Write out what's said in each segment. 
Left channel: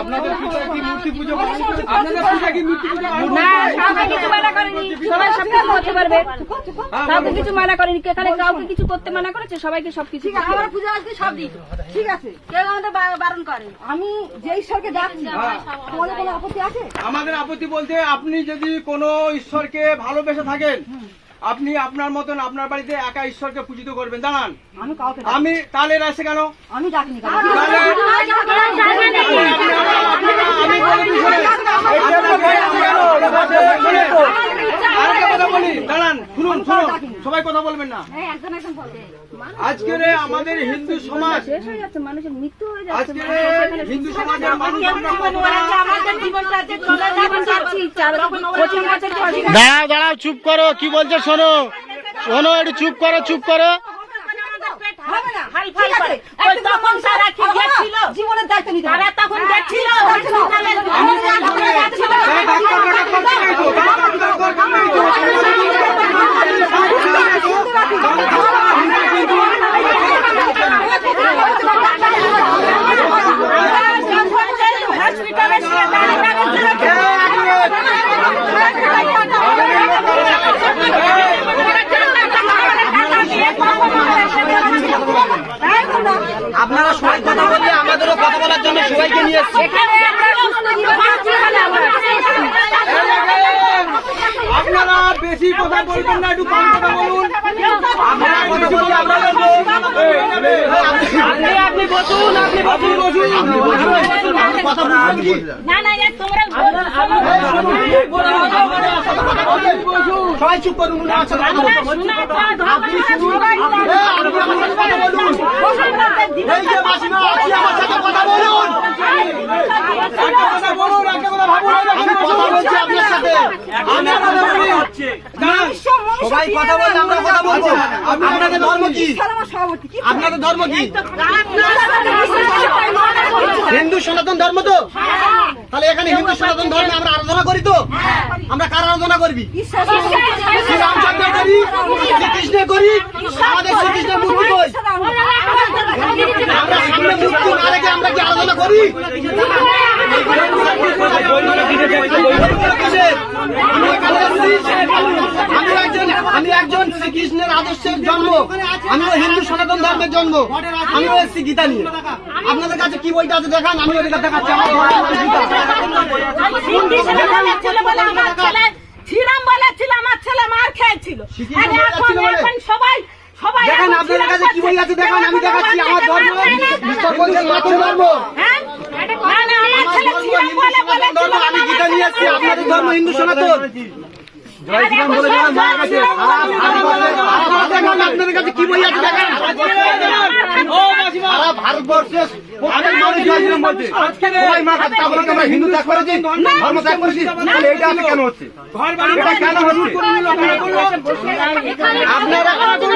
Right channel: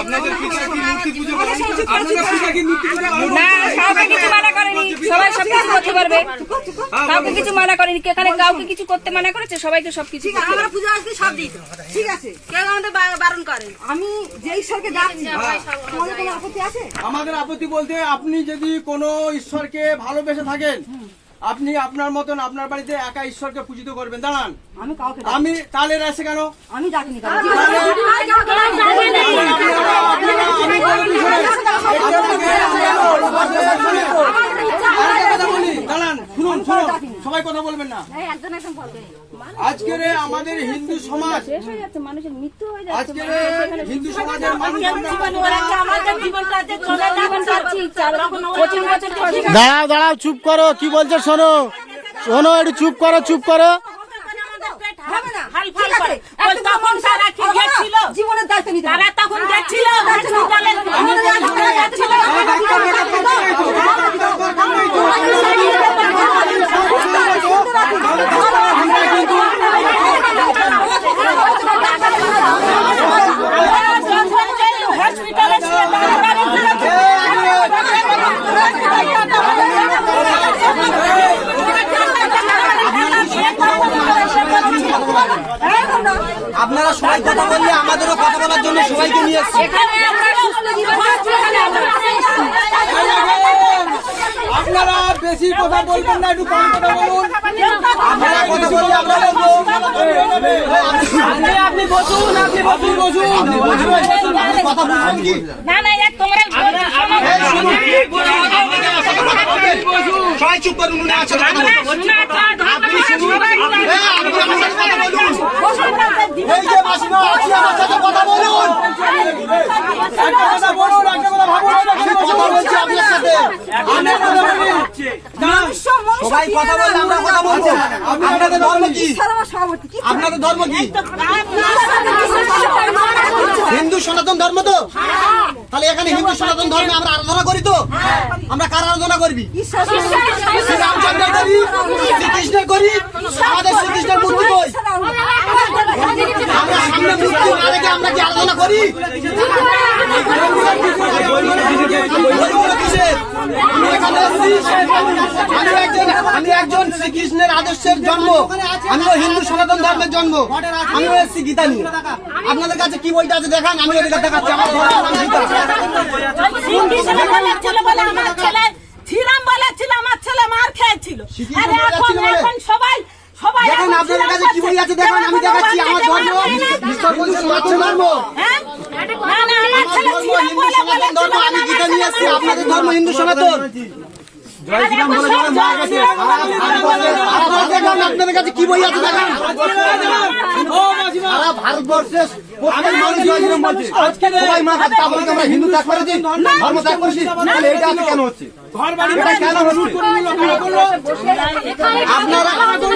আপনাদের পিতা কি মূর্তি পুজো করেন? আপনাদের পিতা কি মূর্তি পুজো করেন? না, কাউকে কিছু মানা করেনি, সবাই সব কিছু করতে পারবে। কাউকে কিছু মানা করেনি, এখানে কাউকে কিছু করতে মানা করেছে, সবাইকে সবকিছু করতে আমরা পূজা আজকে সব দিই, ঠিক আছে, কেউ আমাদের বারণ করে। আমি যে ঈশ্বরকে ডাকছি, তোমাদের কোনো আপত্তি আছে? আমাদের আপত্তি বলতে, আপনি যদি কোনো ঈশ্বরকে ভালোবেসে থাকেন, আপনি আপনার মতন আপনার বাড়িতে একা ঈশ্বরকে পূজিত করবেন। দাঁড়ান, আমি কাউকে আমি তাহলে আসে কেন? আমি ডাকিনি। দাঁড়ান, শুনুন, সবাই কথা বলবেন না। আজকে আমাদের হিন্দু সমাজ, মানুষের মৃত্যু হয়ে যাচ্ছে, আজকে হিন্দু সমাজের মানুষ দাঁড়াও দাঁড়াও, চুপ করো, কি বলছো শোনো, শোনো, একটু চুপ করো, চুপ করো। জীবনের দায়িত্ব নিতে হবে। তখন যাচ্ছিল আপনারা সবাই কথা বললে আমাদেরও কথা বলার জন্য সবাইকে নিয়ে এসছি। আপনারা বেশি কথা বলবেন না, একটু কম কথা বলুন। আপনি বসুন, আপনি বসুন। না না, তোমরা সবাই চুপ করুন। সবাই কথা বলতে আমরা কথা বলবো। আপনাদের ধর্ম কি? আপনাদের ধর্ম কি? হিন্দু সনাতন ধর্ম তো? তাহলে এখানে হিন্দু সনাতন ধর্মে আমরা আরাধনা করি তো? আমরা কার আরাধনা করবি? শ্রীরামচন্দ্র করি, শ্রীকৃষ্ণ করি, আমাদের শ্রীকৃষ্ণের মূর্তি কই? আমরা সামনে মূর্তি না রেখে আমরা কি আরাধনা করি? আমি একজন শ্রীকৃষ্ণের আদর্শের জন্ম, আমিও হিন্দু সনাতন ধর্মের জন্ম, আমিও এসেছি গীতা নিয়ে। আপনাদের কাছে কি বইটা আছে দেখান, আমি ওদের কাছে দেখাচ্ছি। আমার ছেলে মার খেয়েছিল, সবাই দেখেন আপনাদের কাছে কি বই আছে দেখান, আমি দেখাচ্ছি। আমার ধর্ম ঈশ্বর বলছেন মাতৃ ধর্ম, আমি গীতা নিয়ে এসেছি। আপনাদের ধর্ম হিন্দু সনাতন। আপনাদের কাছে কি বই আছে দেখেন। ভারতবর্ষের আমরা হিন্দু ত্যাগ করেছি, ধর্ম ত্যাগ করেছি, তাহলে এটা আপনি কেন হচ্ছে? এটা কেন হচ্ছে? আপনারা সনাতন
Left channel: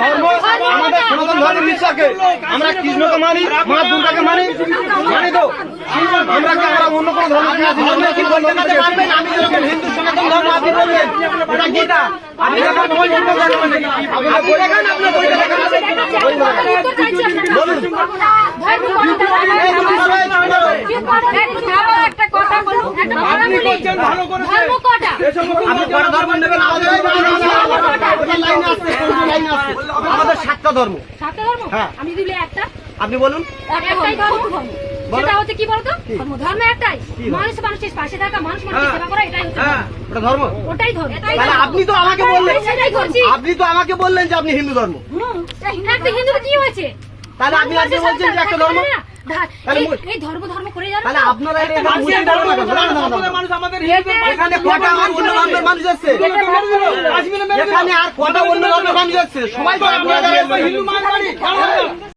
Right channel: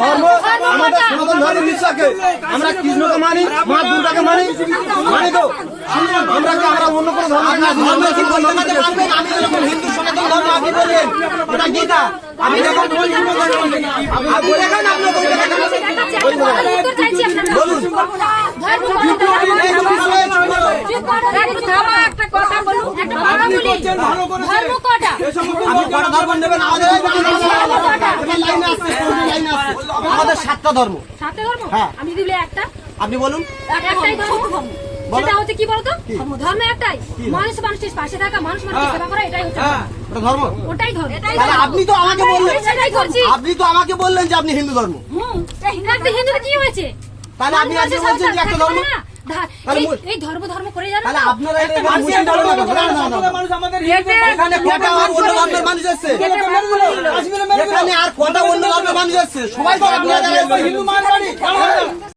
ধর্ম, আমাদের সনাতন ধর্মের বিশ্বাসকে আমরা কৃষ্ণকে মানি, মা দুর্গাকে মানি, মানি তো আমরা কি আমরা অন্য কোনো ধর্ম কি বলবেন? আমি হিন্দু সনাতন ধর্ম, আপনি বলবেন ওটা গীতা। আমি আমাদের 7টা ধর্ম। হ্যাঁ, আমি দিলে একটা, আপনি বলুন। একটাই ধর্ম, সেটা হচ্ছে কি বলতো? ধর্ম একটাই, মানুষ মানুষের পাশে থাকা, মানুষ মানুষের সেবা করা, এটাই হচ্ছে ধর্ম। ওটাই ধর্ম। আপনি তো আমাকে বললেন, সেটাই করছি। আপনি তো আমাকে বললেন যে আপনি হিন্দু ধর্ম। হিন্দুর কি হয়েছে? তাহলে আপনি আজকে বলছেন যে একটা ধর্ম। এই ধর্ম ধর্ম করে যান। তাহলে আপনারা এখানে কটা অন্য ধর্মের মানুষ আছে? এখানে আর কটা অন্য ধর্মের মানুষ আছে? সবাই তো আপনারা